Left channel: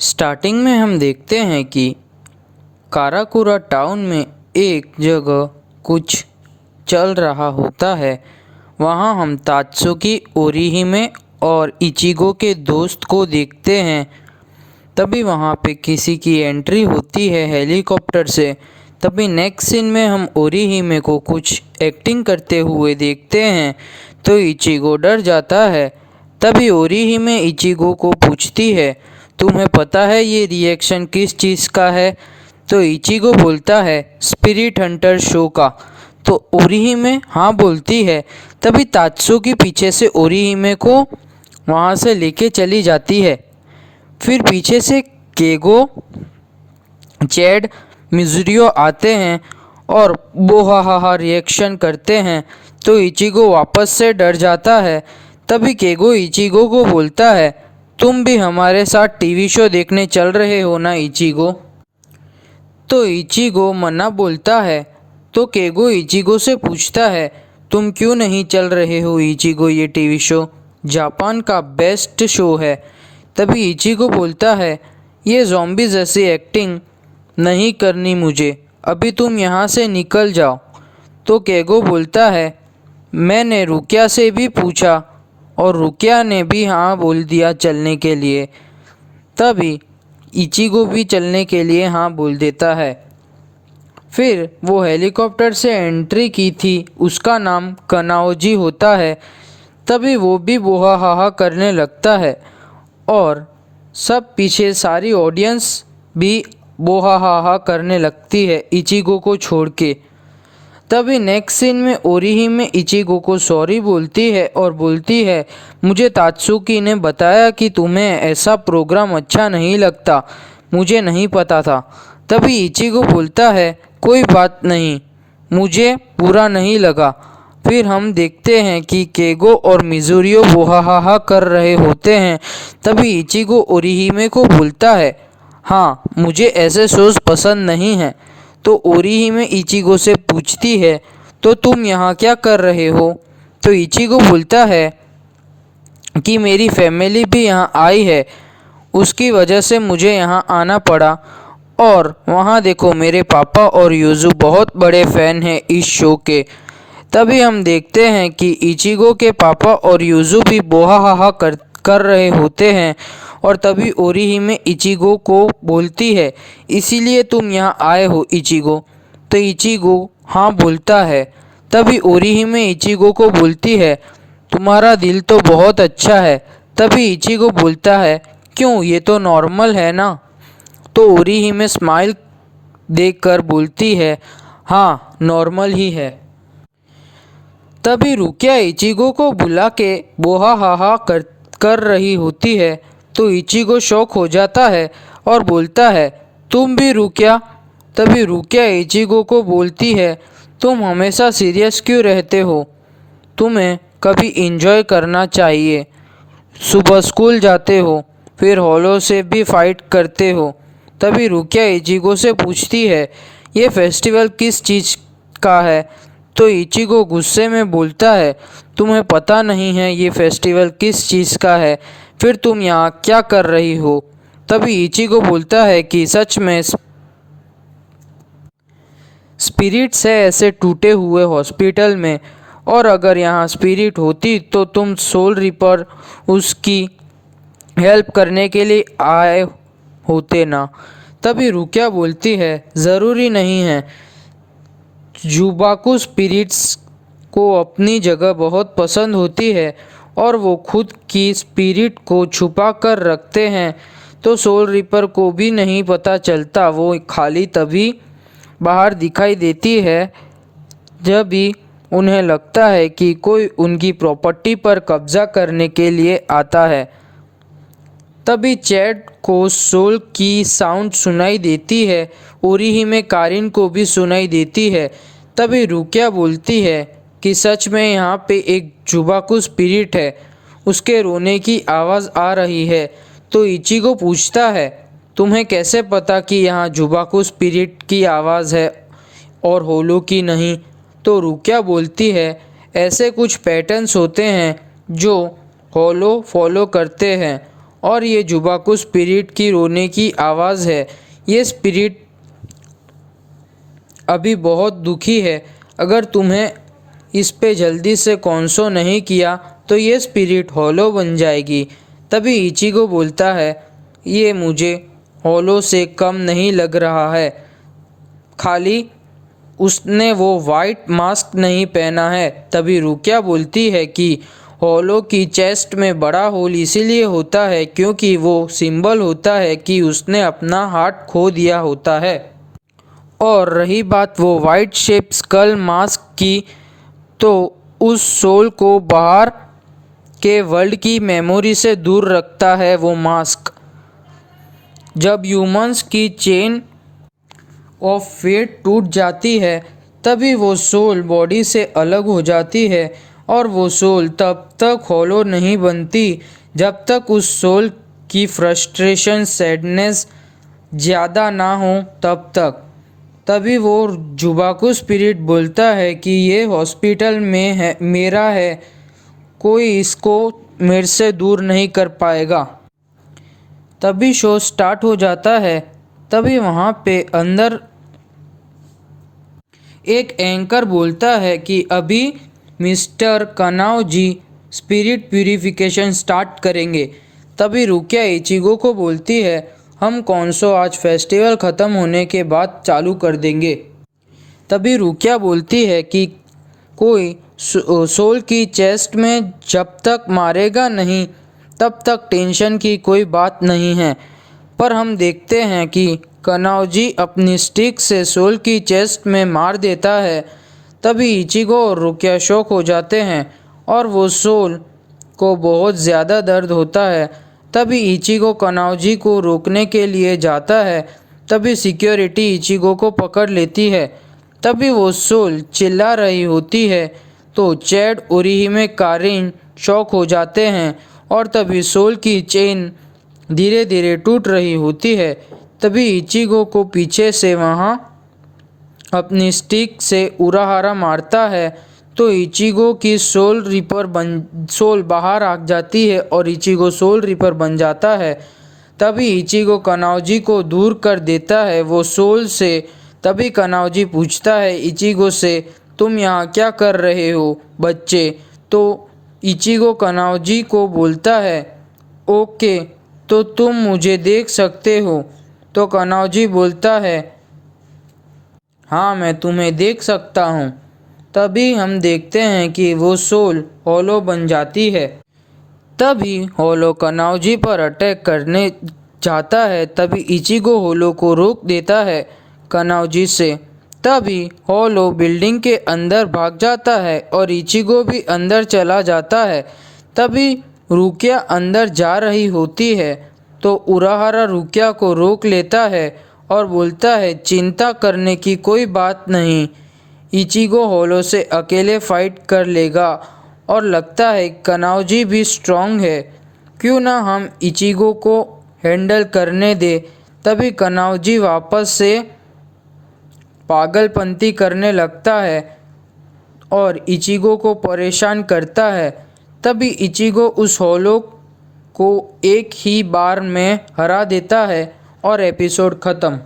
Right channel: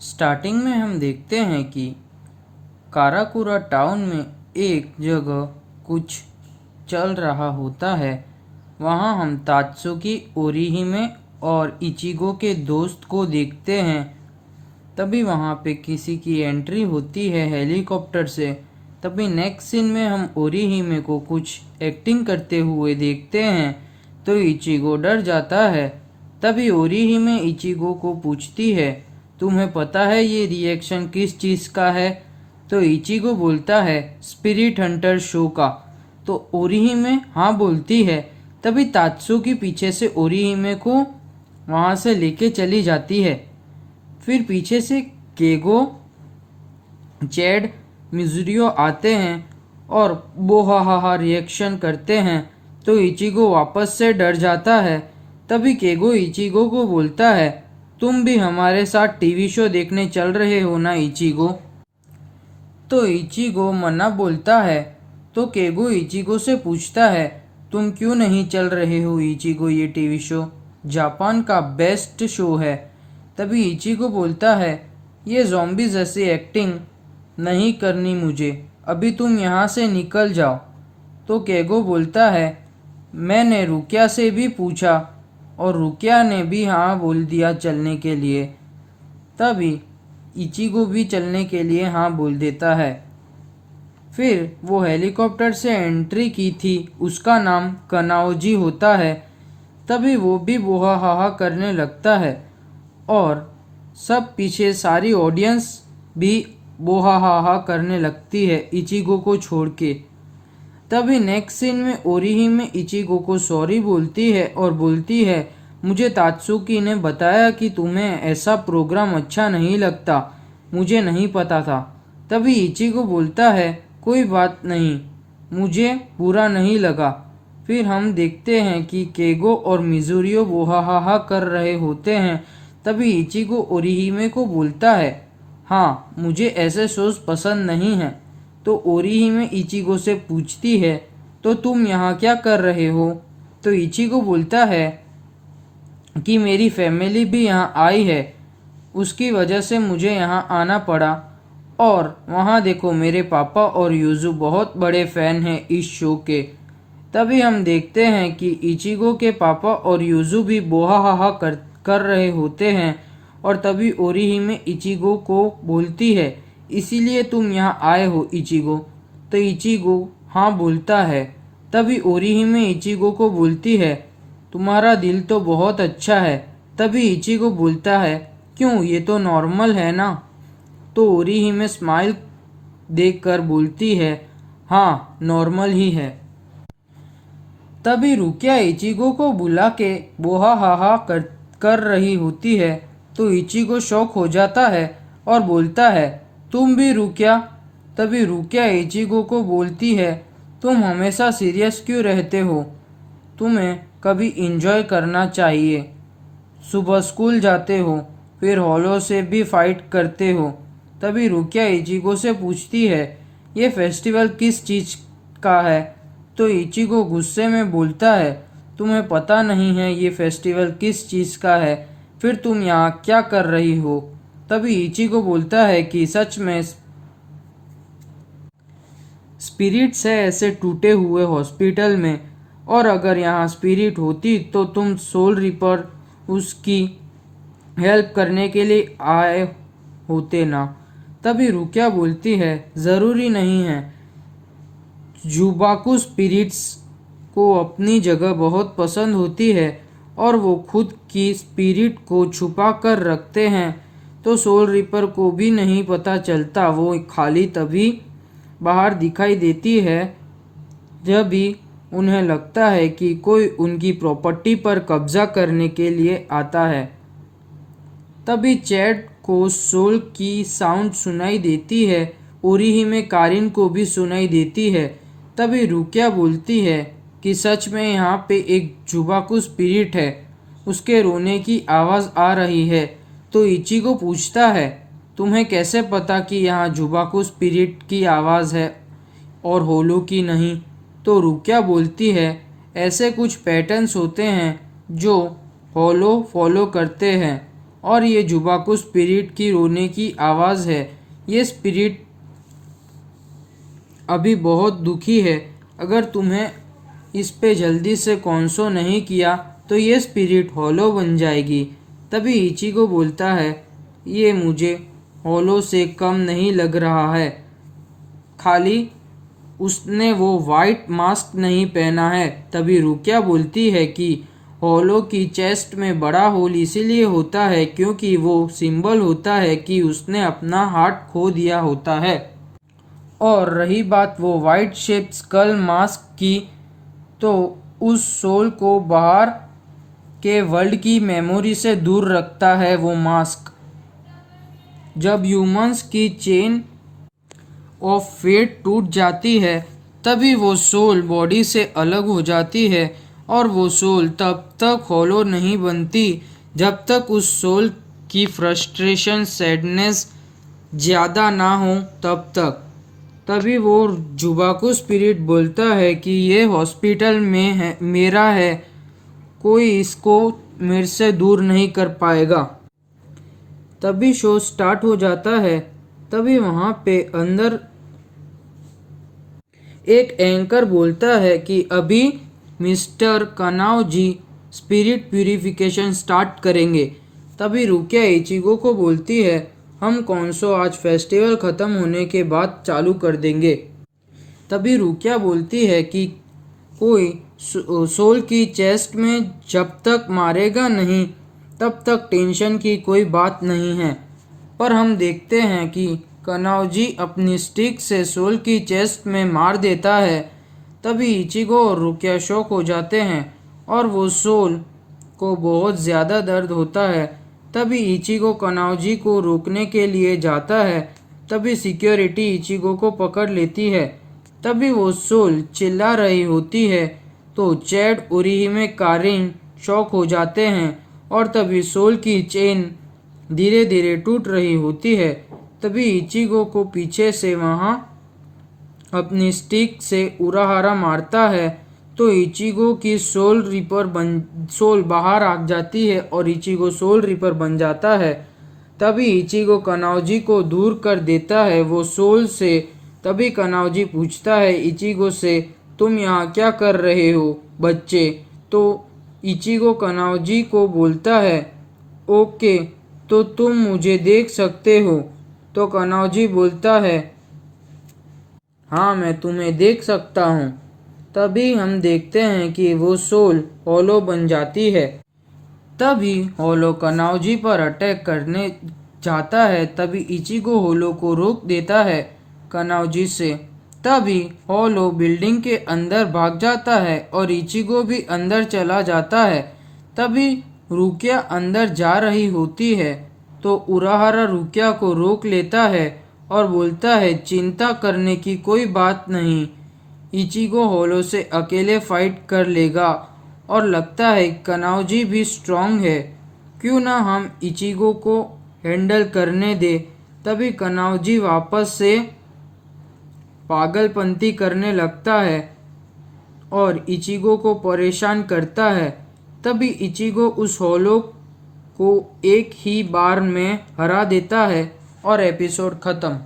Starting में हम देखते हैं कि काराकुरा टाउन में एक जगह कुछ चल रहा होता है। वहाँ हम तात्सुकी, ओरिहिमे और इचिगो के दोस्त को देखते हैं। तभी वहाँ पे किसी की एंट्री होती है हेलीकॉप्टर से। तभी नेक्स्ट सीन में हम ओरिहिमे को कुछ एक्टिंग करते हुए देखते हैं तो इचिगो डर जाता है। तभी ओरिहिमे इचिगो को पूछती है, तुम्हें पता है ये रिएक्शन किस चीज़ का है? तो इचिगो बोलता है, स्पिरिट हंटर शो का। तो ओरिहिमे हाँ बोलती है। तभी तात्सुकी पीछे से ओरिहिमे को वहाँ से लेके चली जाती है। फिर पीछे से केगो, चैड, मिजुरियो आते हैं और बोहाहा रिएक्शन करते हैं तो इचिगो वापस से डर जाता है। तभी केगो इचिगो को बोलता है, तुम भी हमारे साथ टीवी शो देखने चल रहे हो ना इचिगो? तो इचिगो मना बोलता है। तो केगो इचिगो से पूछता है, तुम क्यों नहीं चल रहे हो इचिगो? ये टीवी शो जापान का बेस्ट शो है। तभी इचिगो बोलता है, ये ज़ॉम्बी जैसी एक्टिंग नहीं करनी मुझे, अभी तुम यहाँ से निकल जाओ। तो केगो बोलता है, मैंने रुकिया से भी पूछा और रुकिया ने भी हाँ बोल दिया चलने के लिए। तभी इचिगो भी चलने के लिए हाँ बोल देता है। फिर वो हेलीकॉप्टर से एंट्री की थी, उसका नाम कनाओजी होता है। तभी वो भी बोहाहा करने लगता है और सब पीछे सारी ऑडियंस भी बोहाहा करने लगती है इचिगो को छोड़ के। तभी नेक्स्ट सीन में ओरिहिमे इचिगो को सॉरी बोलती है और बोलती है, मुझे तात्सुकी ने बताया कि तुम्हें ऐसा प्रोग्राम अच्छा नहीं लगता, मुझे नहीं पता था। तभी इचिगो बोलता है, कोई बात नहीं, मुझे बुरा नहीं लगा। फिर हम देखते हैं कि केगो और मिजुरियो बोहाहा कर रहे होते हैं। तभी इचिगो ओरिहिमे को बोलता है, हाँ मुझे ऐसे शोज पसंद नहीं हैं। तो ओरिहिमे इचिगो से पूछती है, तो तुम यहाँ क्या कर रहे हो? तो इचिगो बोलता है कि मेरी फैमिली भी यहाँ आई है, उसकी वजह से मुझे यहाँ आना पड़ा। और वहाँ देखो मेरे पापा और यूजू बहुत बड़े फ़ैन हैं इस शो के। तभी हम देखते हैं कि इचिगो के पापा और यूजू भी बोहाहा कर रहे होते हैं। और तभी ओरिहिमे इचिगो को बोलती है, इसीलिए तुम यहाँ आए हो इचिगो? तो इचिगो हाँ बोलता है। तभी ओरिहिमे इचिगो को बोलती है, तुम्हारा दिल तो बहुत अच्छा है। तभी इचिगो बोलता है, क्यों, ये तो नॉर्मल है ना? तो ओरिहिमे स्माइल देखकर बोलती है, हाँ नॉर्मल ही है। तभी रुकिया इचिगो को बुला के बोहाहा कर रही होती है तो इचिगो शॉक हो जाता है और बोलता है, तुम भी रुकिया? तभी रुकिया इचिगो को बोलती है, तुम हमेशा सीरियस क्यों रहते हो? तुम्हें कभी इंजॉय करना चाहिए। सुबह स्कूल जाते हो, फिर होलो से भी फाइट करते हो। तभी रुकिया इचिगो से पूछती है, ये फेस्टिवल किस चीज़ का है? तो इचिगो गुस्से में बोलता है, तुम्हें पता नहीं है ये फेस्टिवल किस चीज़ का है? फिर तुम यहाँ क्या कर रही हो? तभी इचिगो बोलता है कि सच में स्पिरिट्स है ऐसे टूटे हुए हॉस्पिटल में, और अगर यहाँ स्पिरिट होती तो तुम सोल रिपर उसकी हेल्प करने के लिए आए होते ना। तभी रुकिया बोलती है, ज़रूरी नहीं है, जुबाकू स्पिरिट्स को अपनी जगह बहुत पसंद होती है और वो खुद की स्पिरिट को छुपा कर रखते हैं, तो सोल रिपर को भी नहीं पता चलता। वो खाली तभी बाहर दिखाई देती है जब भी उन्हें लगता है कि कोई उनकी प्रॉपर्टी पर कब्जा करने के लिए आता है। तभी चैड को सोल की साउंड सुनाई देती है, ओरिहिमे कारिन को भी सुनाई देती है। तभी रुकिया बोलती है कि सच में यहाँ पे एक जुबाकू स्पिरिट है, उसके रोने की आवाज़ आ रही है। तो इचिगो पूछता है, तुम्हें कैसे पता कि यहाँ जुबाकू स्पिरिट की आवाज़ है और होलो की नहीं? तो रुकिया बोलती है, ऐसे कुछ पैटर्न्स होते हैं जो होलो फॉलो करते हैं और ये जुबाकू स्पिरिट की रोने की आवाज़ है। ये स्पिरिट अभी बहुत दुखी है। अगर तुम्हें इस पे जल्दी से कॉन्सो नहीं किया तो ये स्पिरिट हॉलो बन जाएगी। तभी इचिगो बोलता है, ये मुझे हॉलो से कम नहीं लग रहा है, खाली उसने वो वाइट मास्क नहीं पहना है। तभी रुकिया बोलती है कि हॉलो की चेस्ट में बड़ा होल इसीलिए होता है क्योंकि वो सिंबल होता है कि उसने अपना हार्ट खो दिया होता है। और रही बात वो वाइट शेप स्कल मास्क की, तो उस सोल को बाहर के वर्ल्ड की मेमोरी से दूर रखता है वो मास्क। जब ह्यूमंस की चेन ऑफ फेट टूट जाती है तभी वो सोल बॉडी से अलग हो जाती है और वो सोल तब तक हॉलो नहीं बनती जब तक उस सोल की फ्रस्ट्रेशन सैडनेस ज़्यादा ना हो तब तक। तभी वो जुबाकू स्पिरिट बोलता है कि ये हॉस्पिटल में है, मेरा है, कोई इसको मेरे से दूर नहीं कर पाएगा। तभी शो स्टार्ट हो जाता है। तभी वहाँ पे अंदर एक एंकर बोलता है कि अभी मिस्टर कनाव जी स्पिरिट प्यूरिफिकेशन स्टार्ट करेंगे। तभी रुकिया इचिगो को बोलती है, हम कौनसो आज फेस्टिवल ख़त्म होने के बाद चालू कर देंगे। तभी रुकिया बोलती है कि कोई सोल की चेस्ट में जब तक मारेगा नहीं तब तक टेंशन की कोई बात नहीं है। पर हम देखते हैं कि कनाउजी अपनी स्टिक से सोल की चेस्ट में मार देता है। तभी इचिगो और रुकिया शॉक हो जाते हैं और वो सोल को बहुत ज़्यादा दर्द होता है। तभी इचिगो कनाउजी को रोकने के लिए जाता है। तभी सिक्योरिटी इचिगो को पकड़ लेती है। तभी वो सोल चिल्ला रही होती है तो चैड ओरिहिमे कारिन शॉक हो जाते हैं और तभी सोल की चेन धीरे धीरे टूट रही होती है। तभी इचिगो को पीछे से वहाँ अपनी स्टिक से उराहारा मारता है तो इचिगो की सोल बाहर आ जाती है और इचिगो सोल रिपर बन जाता है। तभी इचिगो कनाउजी को दूर कर देता है वो सोल से। तभी कनाउजी पूछता है इचिगो से, तुम यहाँ क्या कर रहे हो बच्चे? तो इचिगो कनाउजी को बोलता है, ओके तो तुम मुझे देख सकते हो। तो कनाउजी बोलता है, हाँ मैं तुम्हें देख सकता हूँ। तभी हम देखते हैं कि वो सोल हॉलो बन जाती है। तभी हॉलो कनाउजी पर अटैक करने जाता है। तभी इचिगो हॉलो को रोक देता है कनाउजी से। तभी हॉलो बिल्डिंग के अंदर भाग जाता है और इचिगो भी अंदर चला जाता है। तभी रुकिया अंदर जा रही होती है तो उराहारा रुकिया को रोक लेता है और बोलता है, चिंता करने की कोई बात नहीं, इचिगो हॉलो से अकेले फाइट कर लेगा और लगता है कनाउजी भी स्ट्रांग है, क्यों ना हम इचिगो को हैंडल करने दे। तभी कनाउजी वापस से पागलपंती करने लगता है और इचिगो को परेशान करता है। तभी इचिगो उस हॉलो को एक ही बार में हरा देता है और एपिसोड ख़त्म।